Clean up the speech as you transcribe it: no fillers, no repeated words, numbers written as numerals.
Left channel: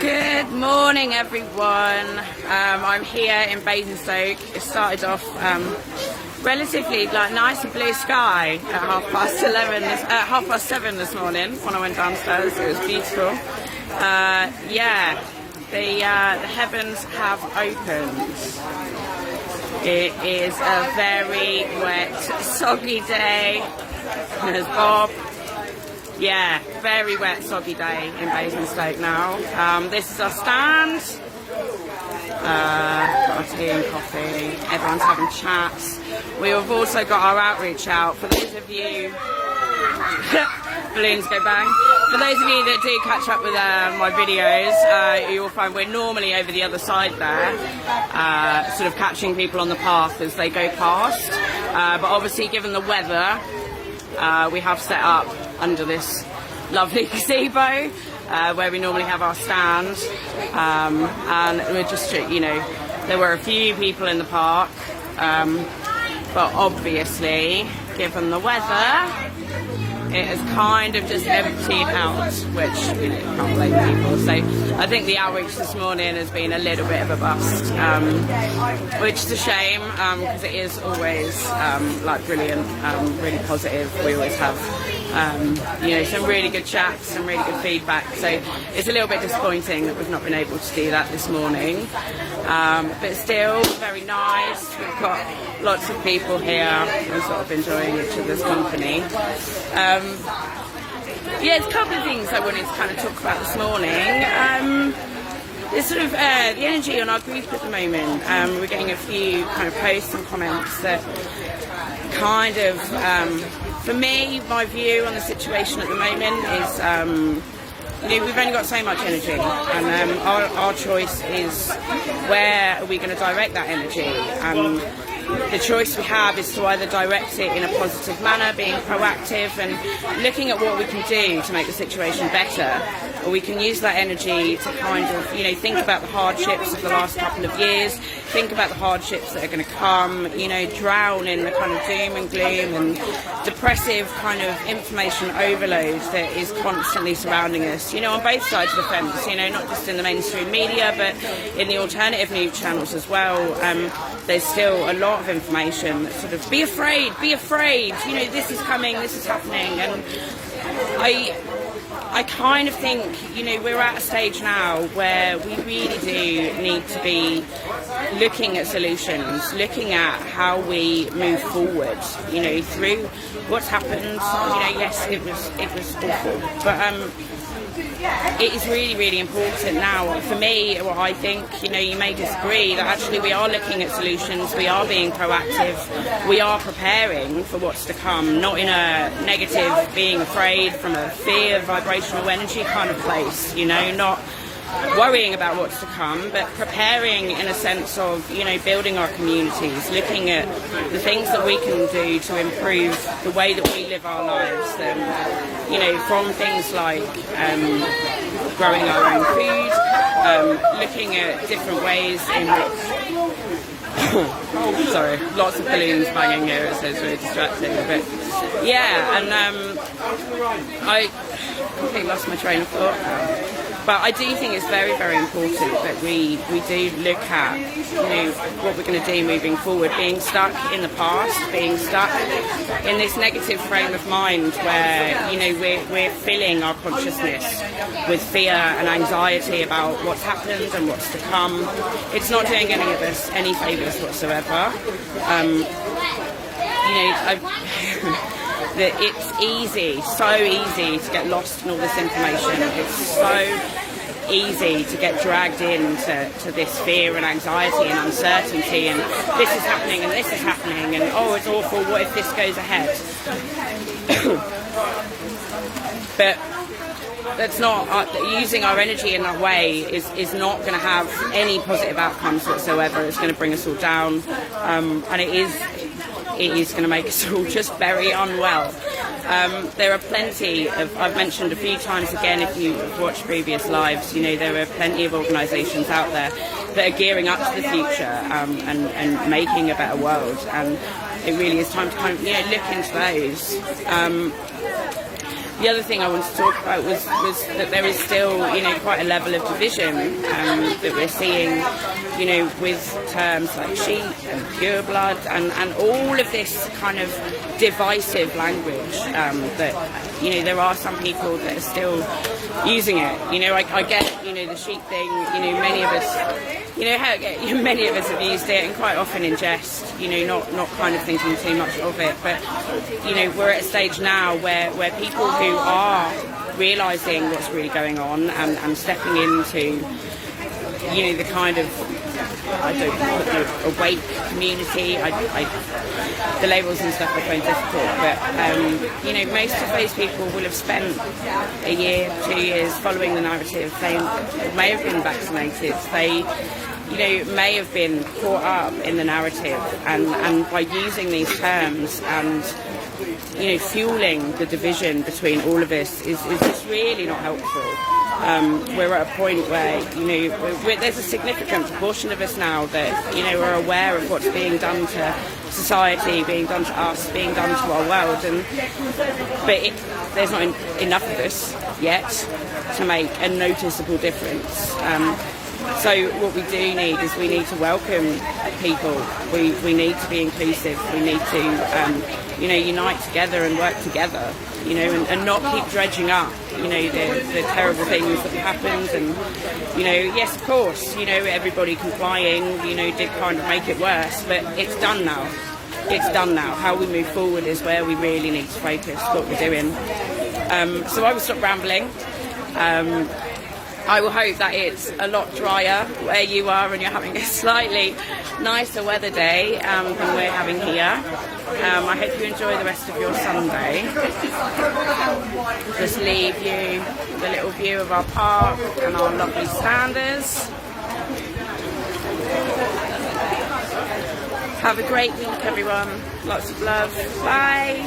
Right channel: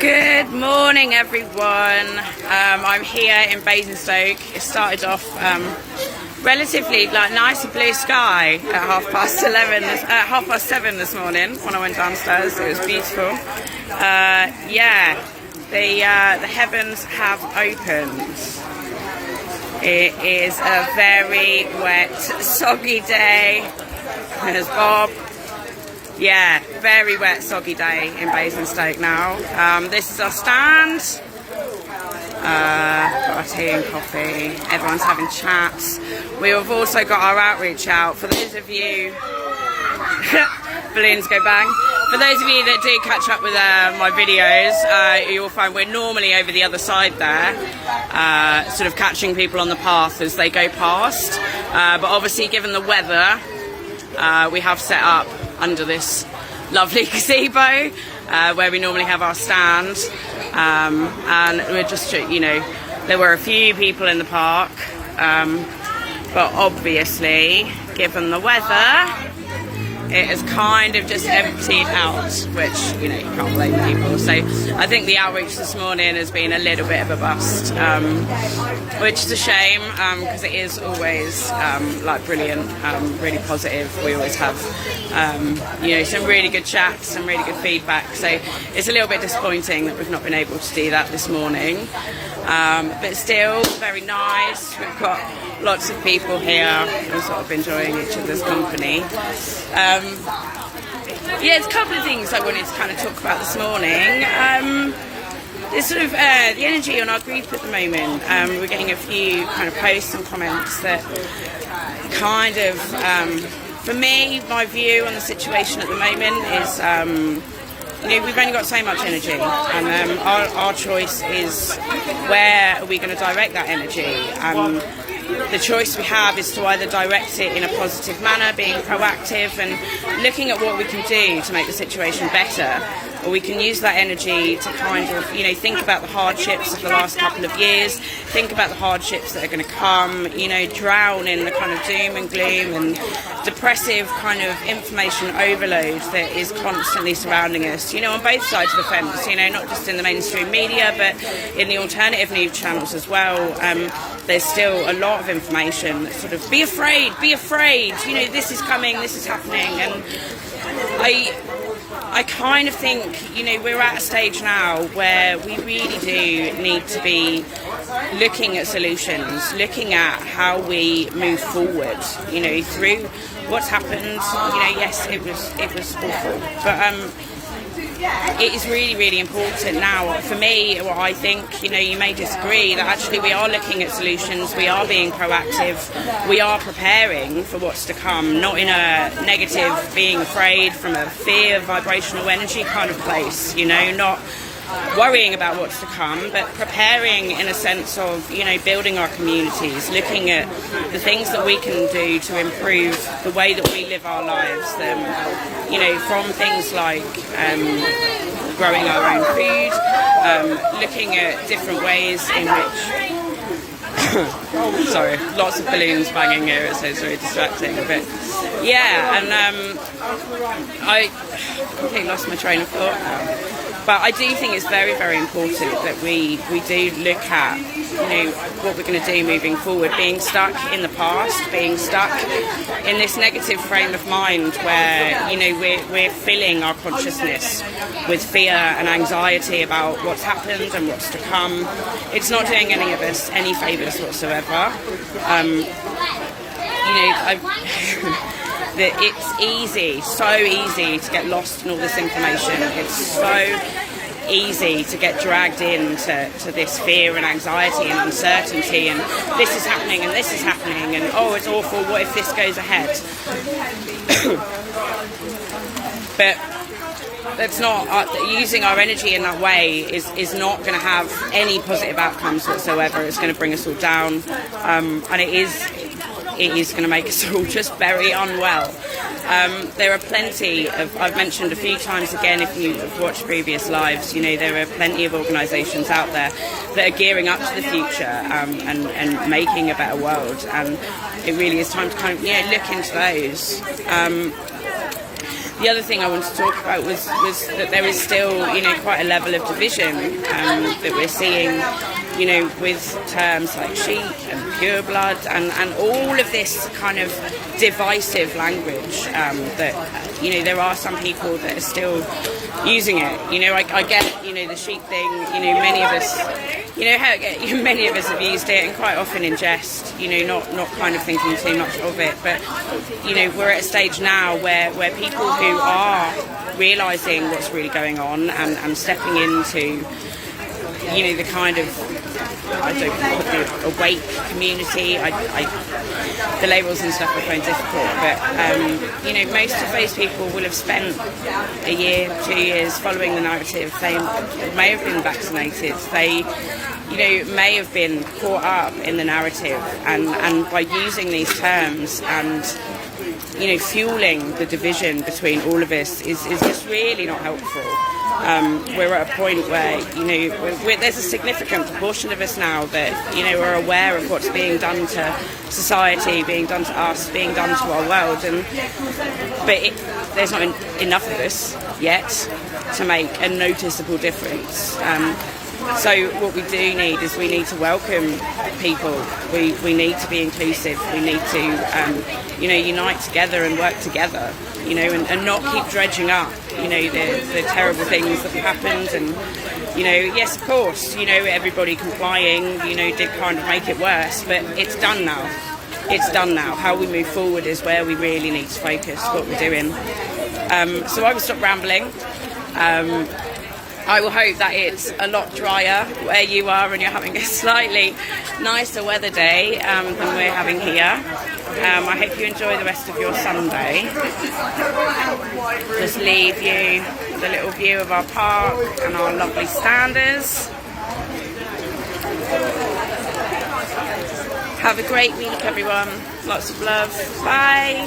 Good morning, everyone. I'm here in Basingstoke. It started off relatively nice and blue sky at 7:30 this morning when I went downstairs. It was beautiful. The heavens have opened. It is a very wet, soggy day. There's Bob. Yeah, very wet, soggy day in Basingstoke now. This is our stand. Got our tea and coffee. Everyone's having chats. We have also got our outreach out. For those of you... balloons go bang. For those of you that do catch up with my videos, you'll find we're normally over the other side there, sort of catching people on the path as they go past. But obviously, given the weather, we have set up under this lovely gazebo where we normally have our stand, and we're just, there were a few people in the park, but obviously, given the weather, it has kind of just emptied out, which, you can't blame people. So I think the outreach this morning has been a little bit of a bust, which is a shame, because it is always brilliant, really positive. We always have some really good chats, some really good feedback. So it's a little bit disappointing that we've not been able to do that this morning, but still very nice. We've got lots of people here. I'm sort of enjoying each other's company. There's a couple of things I wanted to kind of talk about this morning. There's sort of the energy on our group at the moment. We're getting a few kind of posts and comments that kind of, for me, my view on the situation at the moment is, we've only got so much energy, and our choice is where are we going to direct that energy. The choice we have is to either direct it in a positive manner, being proactive and looking at what we can do to make the situation better, or we can use that energy to kind of, think about the hardships of the last couple of years, think about the hardships that are going to come, drown in the kind of doom and gloom and depressive kind of information overload that is constantly surrounding us, on both sides of the fence, not just in the mainstream media, but in the alternative news channels as well. There's still a lot of information that sort of, be afraid, this is coming, this is happening. And I kind of think, we're at a stage now where we really do need to be looking at solutions, looking at how we move forward, through what's happened. Yes, it was awful, but it is really, really important now. For me, what I think, you may disagree, that actually we are looking at solutions, we are being proactive, we are preparing for what's to come, not in a negative, being afraid from a fear, vibrational energy kind of place, not worrying about what's to come, but preparing in a sense of, building our communities, looking at the things that we can do to improve the way that we live our lives, from things like growing our own food, looking at different ways in which sorry, lots of balloons banging here, so it's very distracting, but I completely lost my train of thought now. But I do think it's very, very important that we do look at, what we're going to do moving forward. Being stuck in the past, being stuck in this negative frame of mind where, we're filling our consciousness with fear and anxiety about what's happened and what's to come. It's not doing any of us any favours whatsoever. That it's easy, so easy to get lost in all this information. It's so easy to get dragged into this fear and anxiety and uncertainty, and this is happening and this is happening, and oh, it's awful, what if this goes ahead? But that's not, using our energy in that way is not going to have any positive outcomes whatsoever. It's going to bring us all down, and it is going to make us all just very unwell. There are plenty of, I've mentioned a few times again, if you have watched previous lives, there are plenty of organisations out there that are gearing up to the future and making a better world. And it really is time to kind of, look into those. The other thing I wanted to talk about was that there is still, you know, quite a level of division that we're seeing, you know, with terms like sheep and pureblood and all of this kind of divisive language that, you know, there are some people that are still using it. You know, I get, you know, the sheep thing, you know, many of us, you know, many of us have used it, and quite often in jest, you know, not kind of thinking too much of it. But, you know, we're at a stage now where people who are realising what's really going on and stepping into, you know, the kind of, I don't know, the awake community. The labels and stuff I find difficult, but you know, most of those people will have spent a year, 2 years following the narrative. They may have been vaccinated. They, you know, may have been caught up in the narrative, and by using these terms and, you know, fueling the division between all of us is just really not helpful. We're at a point where, you know, there's a significant proportion of us now that, you know, are aware of what's being done to society, being done to us, being done to our world, but there's not enough of us yet to make a noticeable difference. So what we do need is we need to welcome people. We need to be inclusive. We need to, you know, unite together and work together, you know, and not keep dredging up, you know, the terrible things that have happened. And, you know, yes, of course, you know, everybody complying, you know, did kind of make it worse, but it's done now. It's done now. How we move forward is where we really need to focus what we're doing. So I will stop rambling. I will hope that it's a lot drier where you are and you're having a slightly nicer weather day than we're having here. I hope you enjoy the rest of your Sunday. Just leave you with a little view of our park and our lovely standers. Have a great week, everyone. Lots of love. Bye.